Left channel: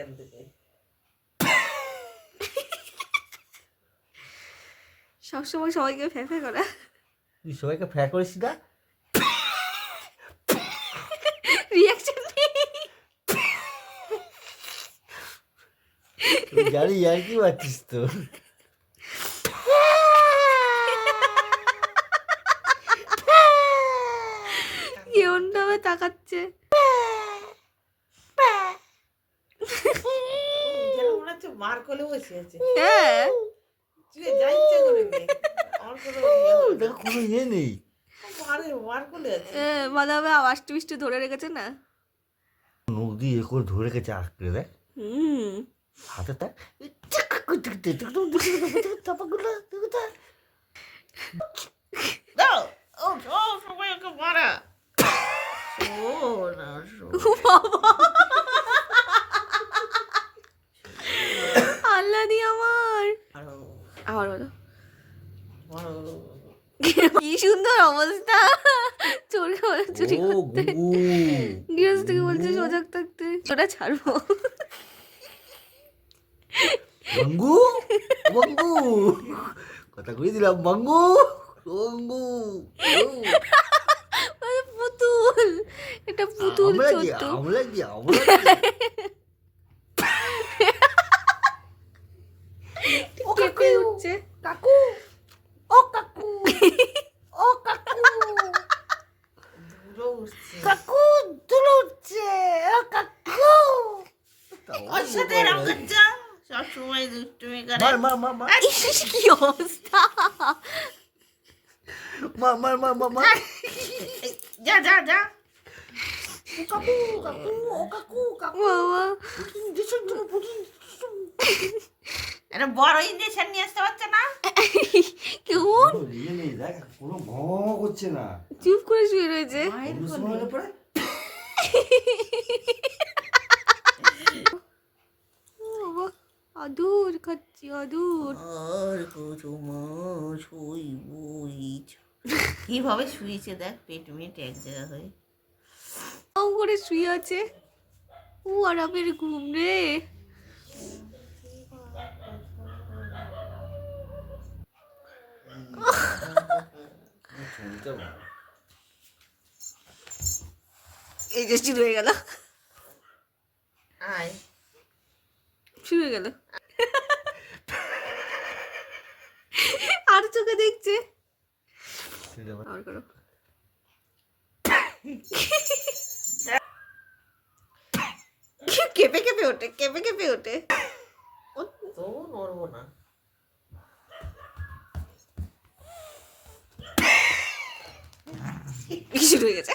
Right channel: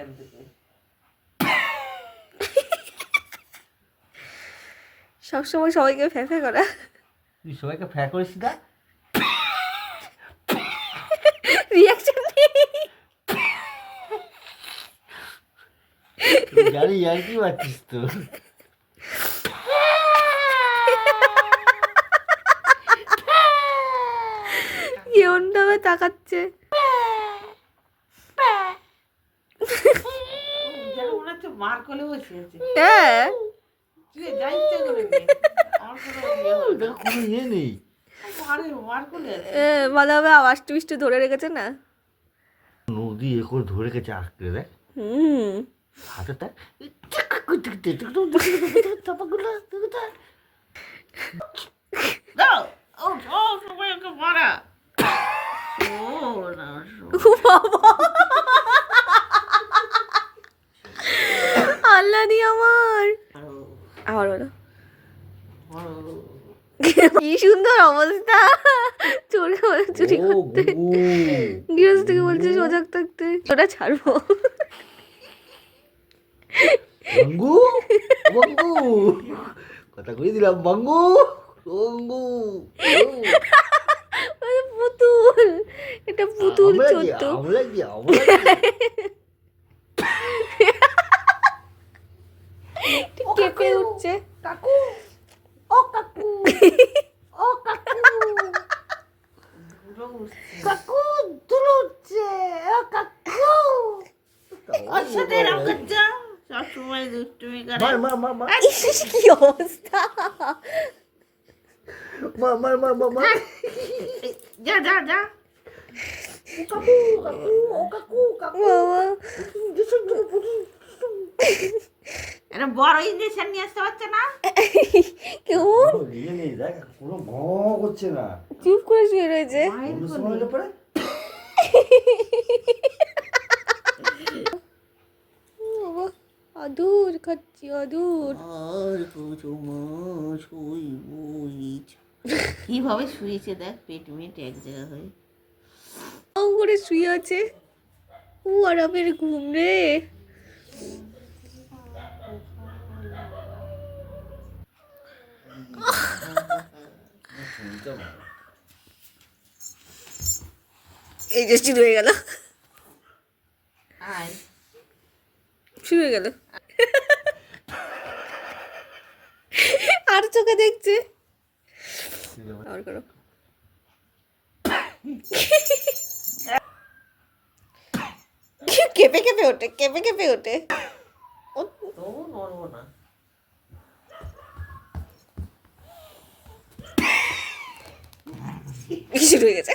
এখান থেকে সবসময় সবাইকে ফ্যা ফ্যা করা। তুই সবাইকে ফ্যা করিস না? রিয়াকশন জানি আর কি পাচ্ছিস তো। কেমন ভাবে তাকাচ্ছে। মার কোলে বসে আছে হ্যাঁ তুই যা ইচ্ছা করে কোনো ইয়ে ইয়ে নেই আওয়াজ টুইস্ট ধরে রেখেছে না নদী এ করে ধরে রেখেছে আঁকড়ে দেখ হুম ও বাবা আবার বলো কি সুন্দর অবস্থা। চোর চুরি করতে। গুগু। গৃহস্থ থেকে বলছে সজাগ থাকতে। ওটা ছাড়বো। বঙ্গু বঙ্গু। কথা কই দিলাম বঙ্গু বঙ্গু পুতুল। এটা পুতুল আমরা কি চোদ্দ আমরা কি আমরা কি? কেঁপে উঠছে কাকু ও কাকু ও কাকু দুলো উঠছে কাকু দুলো উঠছে ও কাকু ওর সাথে এরকম করছ সব সময় দুষ্টুমি করে। কি অবস্থা? মার মার মার মার মার। যা যা যা। কাকু কাকু ও কাকু কাকু। বাবা। এটা বড় ইঞ্জেকশন নিয়ে আসতে পারছে না? কোনো ইয়ে নেই দেখ কোনো ভম করছে না। চুপ করে শুয়ে রয়েছে মায়ের অন্য কোলে। সময় হলে পরে বাবা আদুর খাচ্ছি আদুর আর কুচুমো শুই বুই কীভাবে শুয়েছে দেখ পেট মেট এক জায়গা হয়ে। আউ করে শুয়ে আছে। ও আরামের ঘুম রে। এই যে শুরু হয়ে গেল। আয়। শুরু হয়ে গেল। আর চোখে দেখছে? আবার করো। কেঁপে কেঁপে ওঠে কেঁপে কেঁপে ওঠে। শুরু হয়ে গেছে।